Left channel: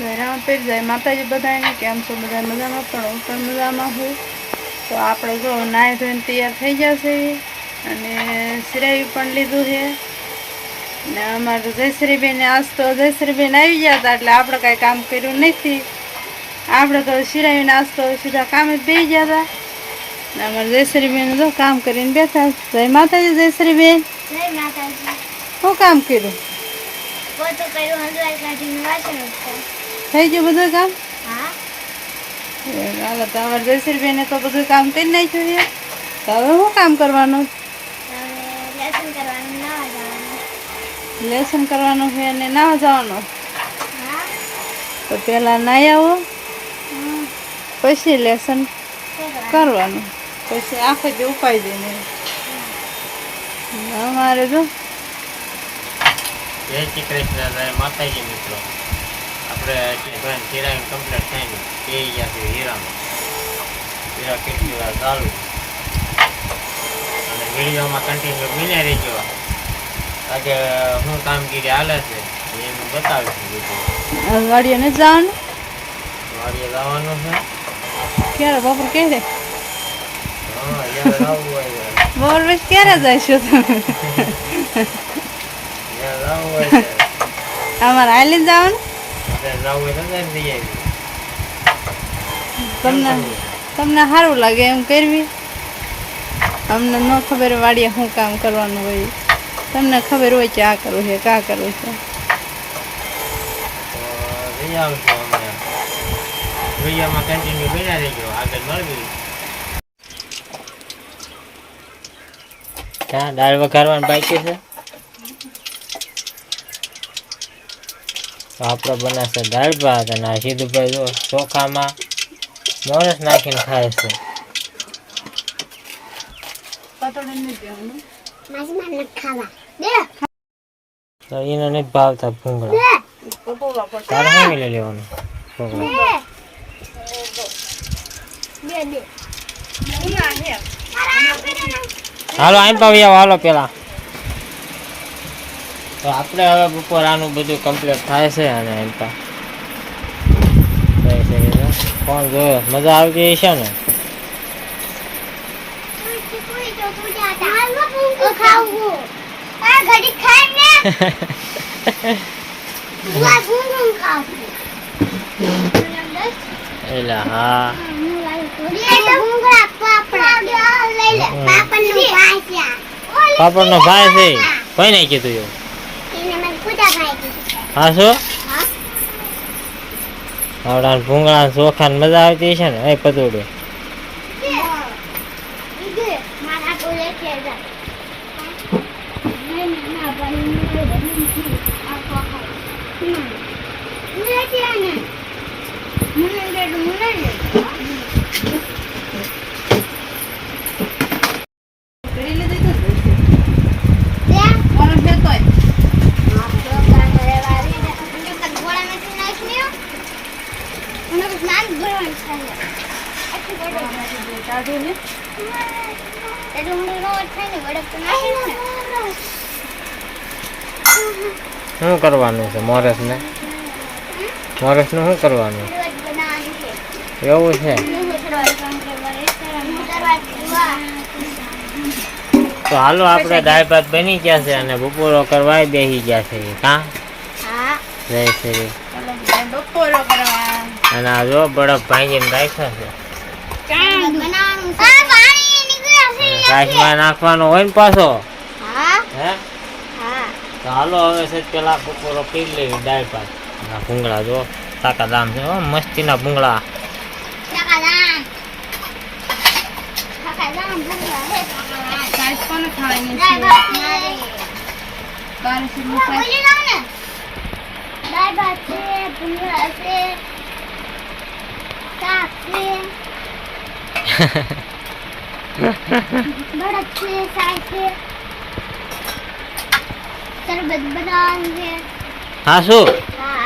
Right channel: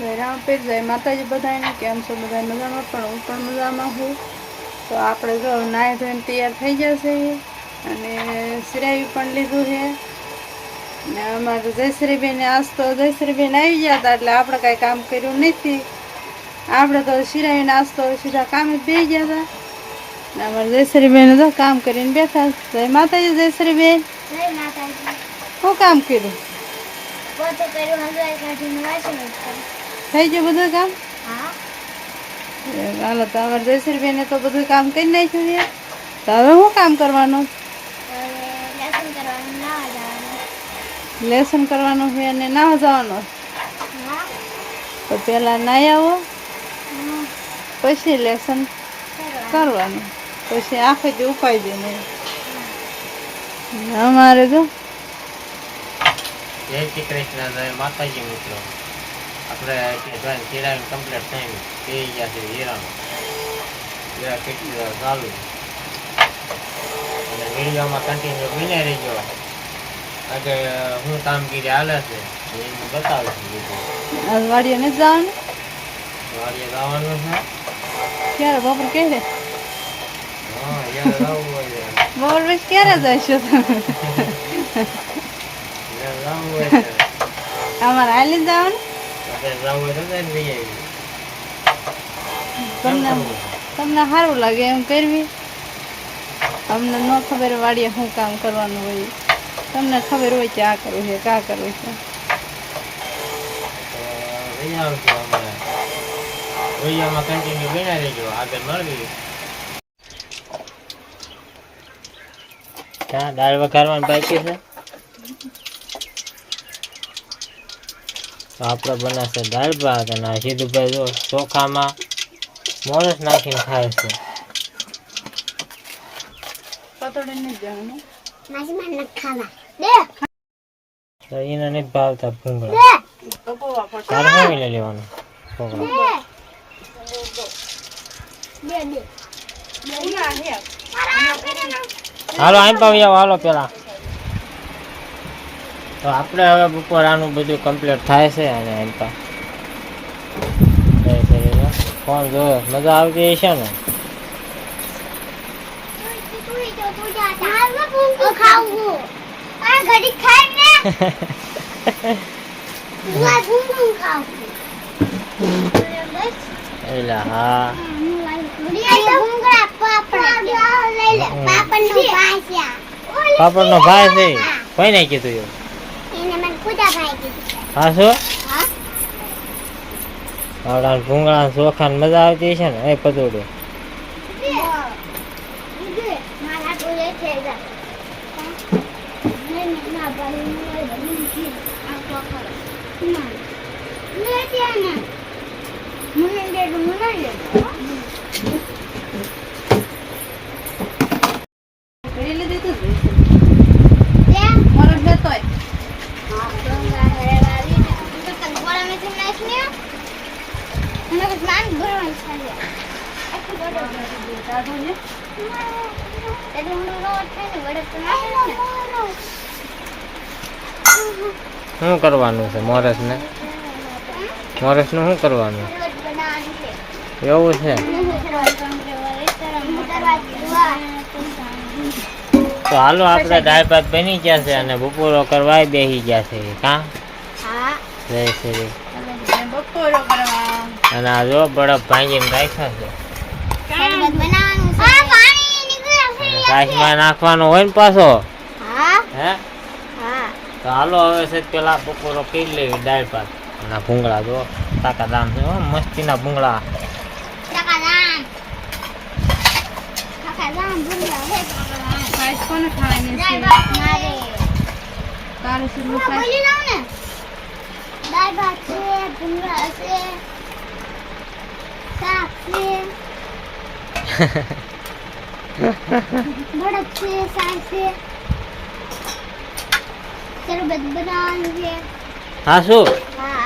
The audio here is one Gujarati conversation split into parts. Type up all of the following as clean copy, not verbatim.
રામ પેર જાય માતાજી બધાને કેમ છો બધા મજામાં પણ હું પણ મજામાં છું તો આપણે જો નાહી ધોઈને તૈયાર થઈ જશે અને સિરાવી પણ લીધું છે ને અમારે જયશ્રીબેન આજ તો જયશ્રીબેન આવી ગયા હતા એટલે આપણે કાંઈ કામ કર્યું નથી આપણે તો સિરાવીને આજ તો સીધા કામે જ બેસી ગયા હતા ને અમારે જયશ્રીબેન જો કામ કરીને બેઠા જય માતાજી જયશ્રીબેન જય માતાજી શું કામ કર્યું પોતો કર્યું હલવાઈ કાઢીને વાસણ થઈ ગયું બધું કામ હા હાલો તો અમારે જયશ્રીબેને તો બધું કામ કરી નાખ્યું છે તો હવે શું કામ કરવાનું હવે લેસન કરવાનું નાવા જવાનું લેસન કરવાનું છે અને નાવા જવાનું હા તો પહેલાં નાહી આવો હમ પછી લેસન કરવાનું કરવાનું પછી આખો દી ઉપાય દઈને અમારે જો જય શ્રી કૃષ્ણ જય માતાજી મિત્રો આપણે ધોઈને સિરાવીને કમ્પ્લીટ થઈને બે ગયા છે હીરામાં હીરા કેટલી વાર ચાલુ અને વિડીયોમાં કન્ટિન્યુ બન્યા રહેજો આજે શું કામગીરી હાલે છે એ હું બતાવીશ બીજું વાડીએ નથી જવાનું વાડીએ લાવવાનું છે ક્યારે બપોર ક્યારે હા યાર લાવવું હોય બપોર પછી ક્યારે જઈશું તમે યાર લાવવું હોય છે અમારે હાલી જવાનું આપણે લાવવું હોય તો જઈને લઈ આવી તમને તમને સારું લાગે એમ કરવી અમને ન ખબર વાડીએ શું કામ કરવાનું હોય તમને ખબર હોય કે આ કરવું છે કા કરવું છે તો લઈ આવશું અમે વિડીયોમાં કન્ટિન્યુ બન્યા રહેજો આગળ મળવી હા દાળ વઘારવાની બાકી છે તો આપણે બનાવશે દાળ ભાત અને આ સીધુભાઈ જો ચોખામાં મોરસ નાખીને ખાય છે માસી મને ખાવા દે તો એને નથી ભાવતા ભૂંગળા તારે શું લઈ લેવાનું છોકરા દે દે હાલો આઈ પાવી આવો હાલો પેલા તો આપણે હવે બપોર આનું બધું કમ્પ્લીટ થાય છે અને એમપા ફોન જોયો મજા આવતી છે ને એલા હા પાપડ નો ભાઈ છે કોઈ નહીં કીધું એવું હા શું આવડા ભૂંગળા ચોખા મજા આવતી છે ને એ પતોડું શું કરવાનું છે મોરસ ને મોરસ નું શું કરવાનું એવું છે તો હાલો આપણે દાળ ભાત બની ગયા છે અને બપોરો કરવા બેસી ગયા છે કા જય શ્રી બપોરો કરવા અને આ જો બરફ ભાંગીને રાખ્યા છે કાચમાં નાખવાનો હોય ને પાછો હે તો હાલો હવે છે પેલા બપોરો પી લેવી દાળ ભાત અને ભૂંગળા જો તાકા દામ છે મસ્તીના ભૂંગળા કોને ખાવાની દાળ ભાત છે ભૂંગળા છે શાક છે બળદ છે શાક છે શરબત બનાવવાનું છે હા શું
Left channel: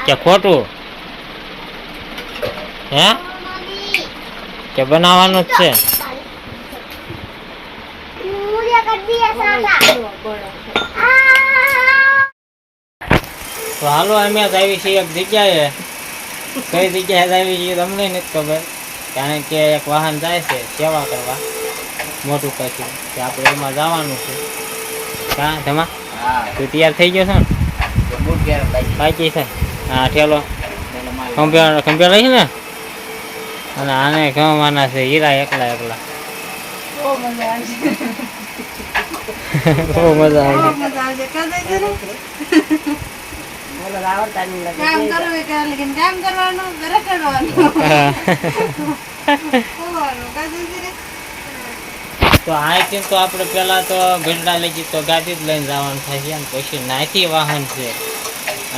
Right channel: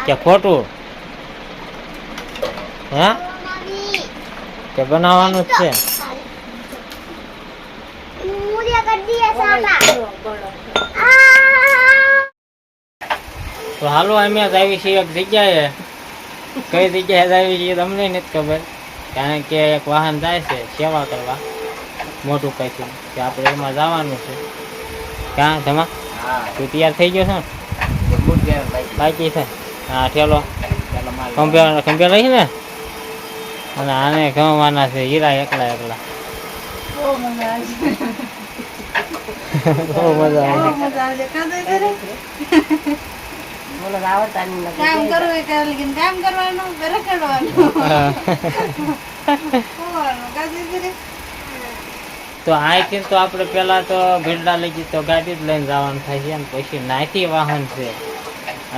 કે ખોટું હે કે બનાવવાનું જ છે તો હાલો અમે જ આવી છીએ એક જગ્યાએ કઈ જગ્યાએ આવી છે તમને નથી ખબર, કારણ કે એક વાહન જાય છે સેવા કરવા મોટું કંઈક કે આપણે એમાં જવાનું છે. ક્યાં તમા તું તૈયાર થઈ ગયો છે ને? બાકી છે. હા ઠેલો ખંભે રહી ને, અને આને ગમવાના છે હીરા એકલા. બહુ મજા આવશે. બહુ મજા આવે. બહુ મજા આવશે. કામ કરવું એ કરે, લેકિન કામ કરવાનું ઘરે કરવાનું. તો અહીંથી તો આપણે પહેલા તો ગઢડા લઈ જઈએ તો ગાડી જ લઈને જવાનું થાય છે, અને પછી નાથી વાહન છે,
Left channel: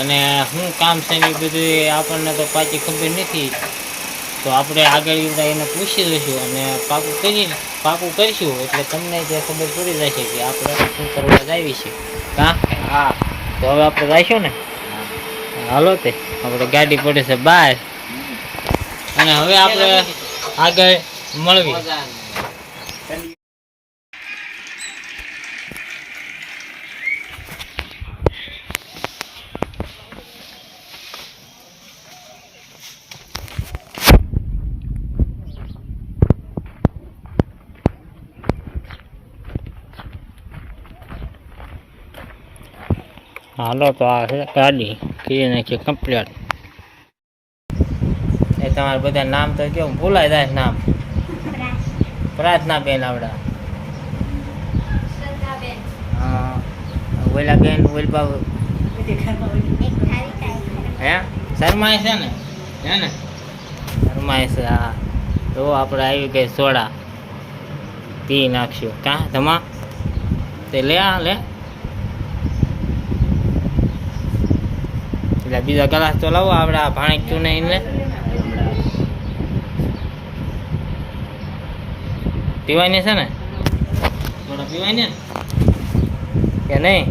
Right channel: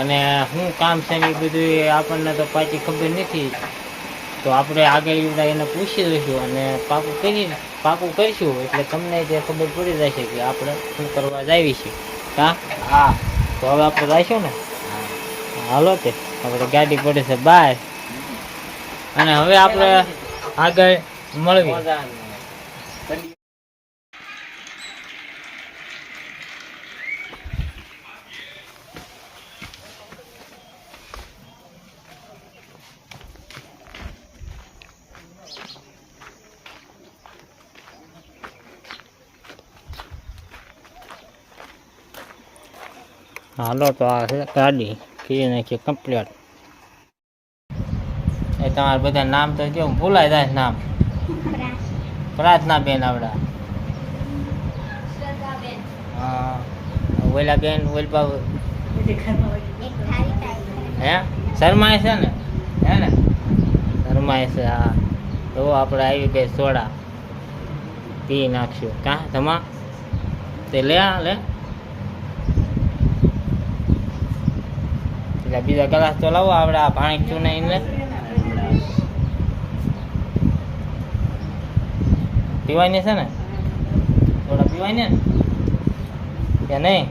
અને શું કામ છે ને એ બધું આપણને તો પાછી ખબર નથી. તો આપણે આગળ એને પૂછી દઈશું અને પાકું કરીશું, એટલે તમને જે ખબર પડી જશે કે આપણે શું કરવા જાવી છે. હા તો હવે આપણે જઈશું ને. હાલો તે આપણે ગાડી પડે છે બહાર, અને હવે આપણે આગળ મળવી. હાલો તો આ છે ગાડી કરી નાખીએ કમ્પ્લીટ. એ તમારા બધા નામ તો કેવું ભૂલાય જાય નામ? પ્રાર્થના બેન આવડા, હા ઓલા બેન ઓલબા હે શરમાય છે ને, હે ને શરમાય છે. હા તો આપણે આવી ગઈ સોડા, પી નાખશું. કાં ધમા તે લે એટલે બીજા ગ્લાસ તો લાવો આપણે આ ભાણેક ચૂને એને પીવાની છે ને, થોડા પીવાની ને કે નહીં?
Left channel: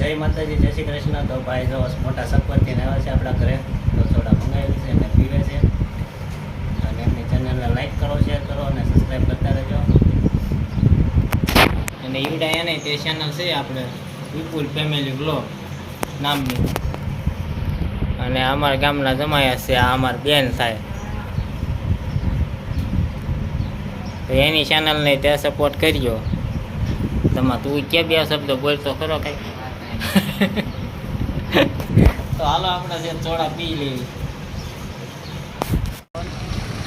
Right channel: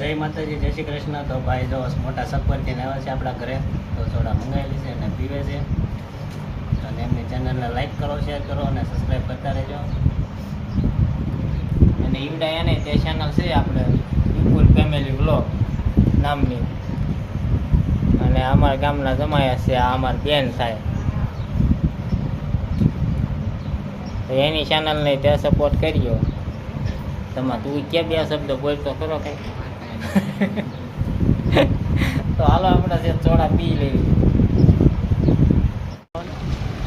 જય માતાજી, જય શ્રી કૃષ્ણ. તો ભાઈ જો મોટા સપરથી આવ્યા છે આપણા ઘરે, તો સોડા મંગાવેલી છે અને પીવે છે. અને એમની ચેનલને લાઈક કરો, શેર કરો અને સબસ્ક્રાઈબ કરતા રહેજો. અને ઈવડા એને તે ચેનલ છે આપણે વિપુલ ફેમિલી વ્લોગ નામની, અને અમારા ગામના જમાયા છે, આ અમારી બેન થાય. તો એની ચેનલને તે સપોર્ટ કરજો. તમારે તું કે બે શબ્દ બોલતો ખરો કઈ? તો હાલો આપણે જે સોડા પી લેવી.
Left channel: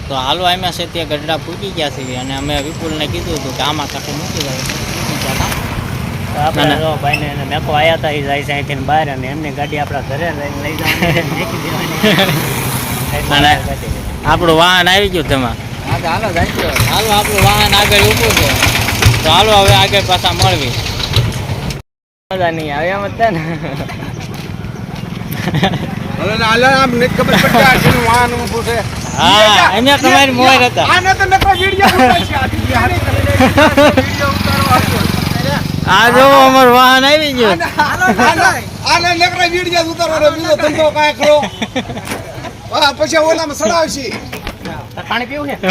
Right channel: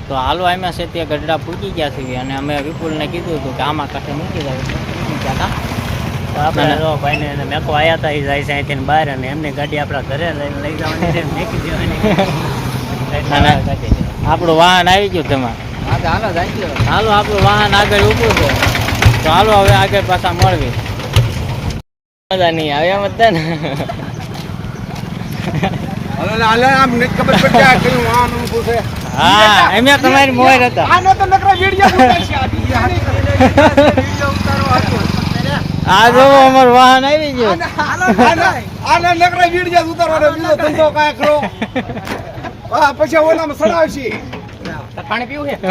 તો હાલો અમે છે તે ગઢડા પૂકી ગયા છીએ, અને અમે વિપુલને કીધું હતું કે આમાં કાંઠે મૂકી ગયા. તો આપણે જો ભાઈને એને મેકો આવ્યા હતા, એ જાય છે અહીંથી બહાર, અને એમની ગાડી આપણા ઘરે લઈને લઈ જવાની, મેકી દેવાની. અને આપણું વાહન આવી ગયું તમારે. હાલો આપણું વાહન આગળ ઊભું છે, તો હાલો હવે આગળ પાછા મળવી. મજા નહીં આવે એમ હતા ને. હા એમ તમારી મોર હતા. આ જો અમારું વાહન આવી ગયું. પછી ઓલામાં સડાવશી.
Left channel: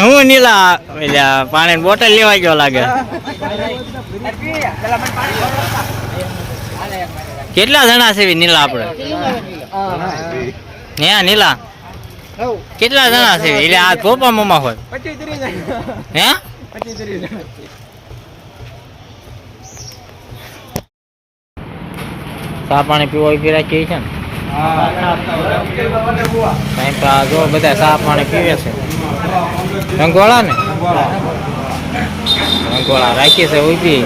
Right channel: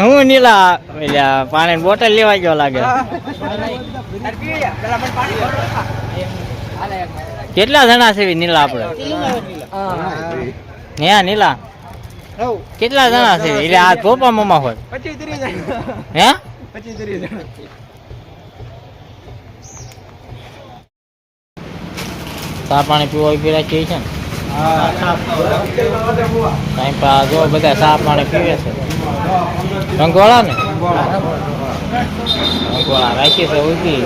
હું નીલા પાણી બોટલ લેવા ગયો લાગે. કેટલા જણા છે નીલા આપણે? હે નીલા કેટલા જણા છે? એટલે આ પપ્પા મમ્મા હોય હે? ચા પાણી પીવા પી રાખીએ છે ને. ટાઈમ પા જો બધા ચા પાણી પીવે છે. રંગોળા ને રંગોળા રાખી છે ઉભી.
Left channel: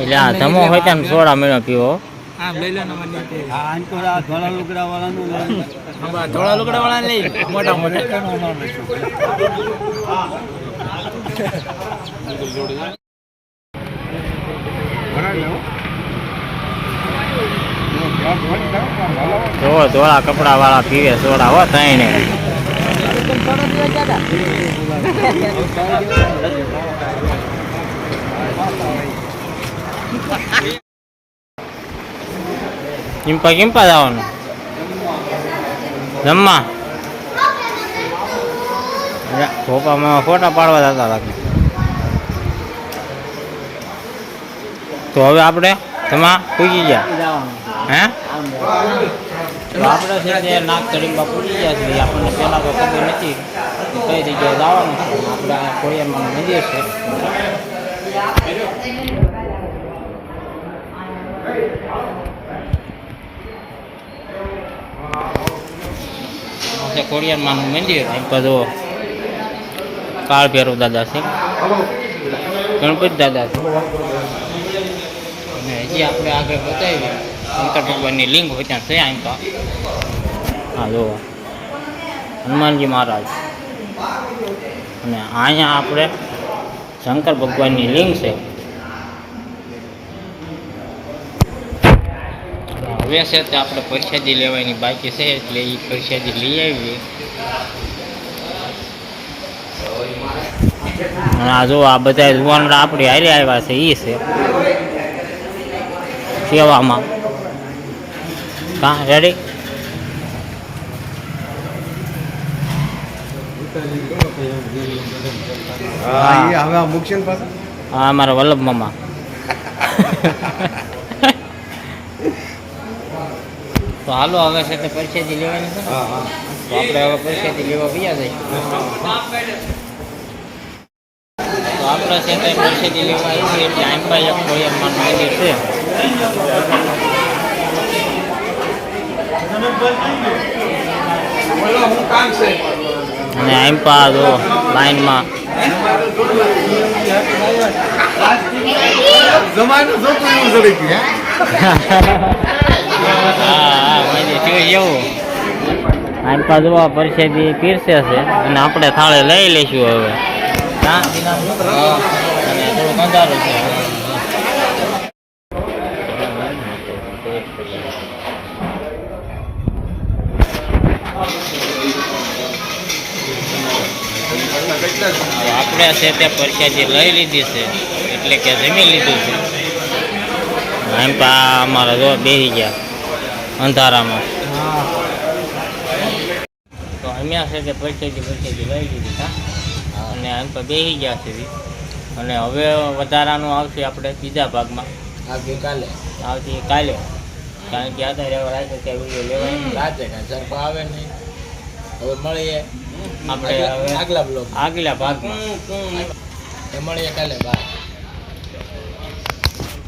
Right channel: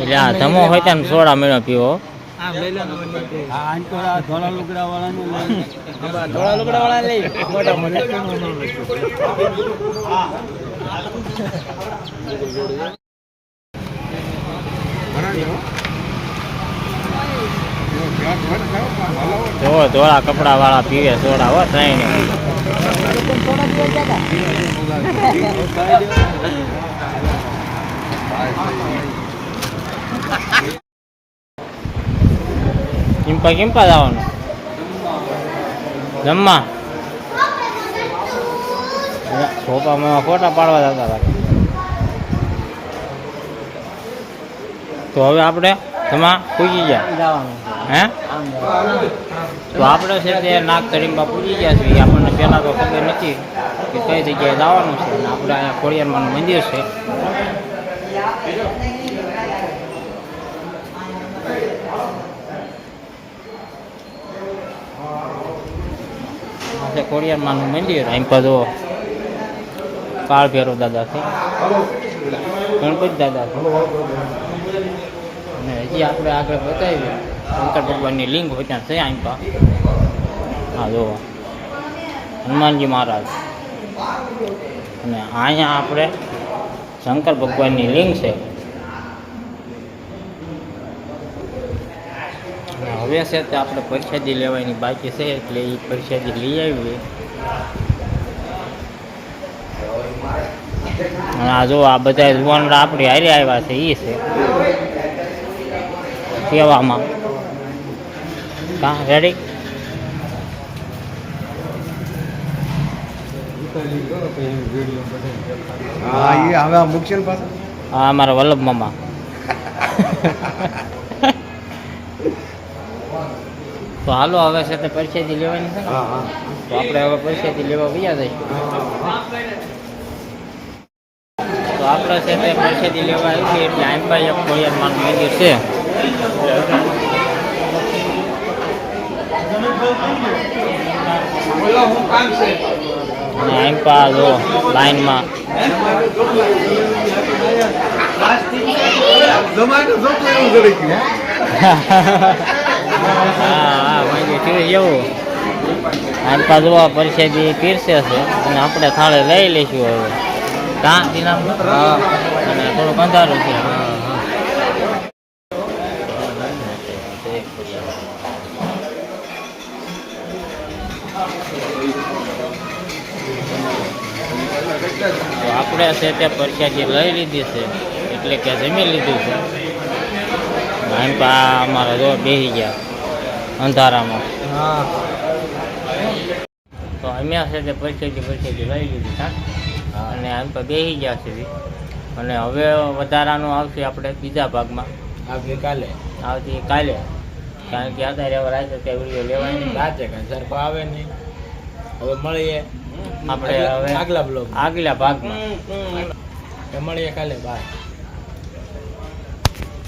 એટલે આ ધમો હોય ત્યાં સોડા મેળો પીવો. ધોળા લુગડા વાળાનું લઈ, ધોળા લુગડા વાળા લઈ મોટા મોટા. જો ધોળા કપડા વાળા પીવે સોડા હો તઈ ને. કિંપા જવાનું જમવા ખોપામાં ફોટા પાડવા જતા લાગે. તો હવે આપણે તેમાં પૂજી ગયા હે તો આપણે છે તે નાગ તળીમાં પૂજી ગયા છીએ. આપણને પહેલાં તો ખબર નથી કે કઈ જગ્યાએ જવાનું છે. અને આપણે અહીંયા ખોડિયારમાંનું મંદિર છે. આ છે ખોડિયારમાંનું મંદિર. અહીં પર જો કાળ ભૈરવ દાદા છે, ગણપતિ દાદા છે. અને હજી આપણે આગળ બતાવી શંકર ભગવાનની લિંગ હોય ત્યાં છે અહીં પા. હા જો હનુમાનજી મહારાજ. અને અહીંયા આપણે શંકર ભગવાનની લિંગ છે. હવે છે તે આપણે પ્રસાદી લેવાની બાકી છે એટલે એ પ્રસાદી લઈ આવી. અને આ જો આ બધા જુવાનડા આપણી હારે આવ્યા છે એ છે સેવામાં. કા રેડી? હા એ હવે આ મુકશન પાછા હા અમારા વલ્લભ મામા. તો હાલો હવે છે તે પ્રસાદી લેવાની છે ને? હા હા તો આપણે હવે પ્રસાદી લેવા ગયા જઈએ. તો આપણે છે તે પ્રસાદી લેવા આવી એટલે આમ પાસે એક ખોડિયારમાંનું મંદિર છે. અને આમ પા જો લાઈનમાં જમાનું જોતું એવું જરી ગયું હા મંદિર થયું એવું. આમ પા જો પ્રસાદી પીરસે છે અને આપણે થાળે લઈ લઈશું હવે. હા અને થોડુંક અંધારું છે. તો આપણે છે તે પ્રસાદી લઈ લીધી છે એટલે કે જમી લીધું છે. આમ પા અમારા જો બેસી ગયા અંધારામાં. તો અમે છે તે પ્રસાદી લઈ લીધી હા. અને આમ તો બેસી ગયા છે. અને હવે વધારાનું આવશે આપણે બીજા ભાગમાં આવતીકાલે આવતી કાલે. કારણ કે અત્યારે હવે રાખ્યો ત્યાં વિડીયો લેવાય નહીં. રાતે કાંઈ સરખો આવે નહીં. હવે મળીએ આપણે હવે આગલા બ્લોગ આગલા ભાગમાં મળીએ કાલે બાય.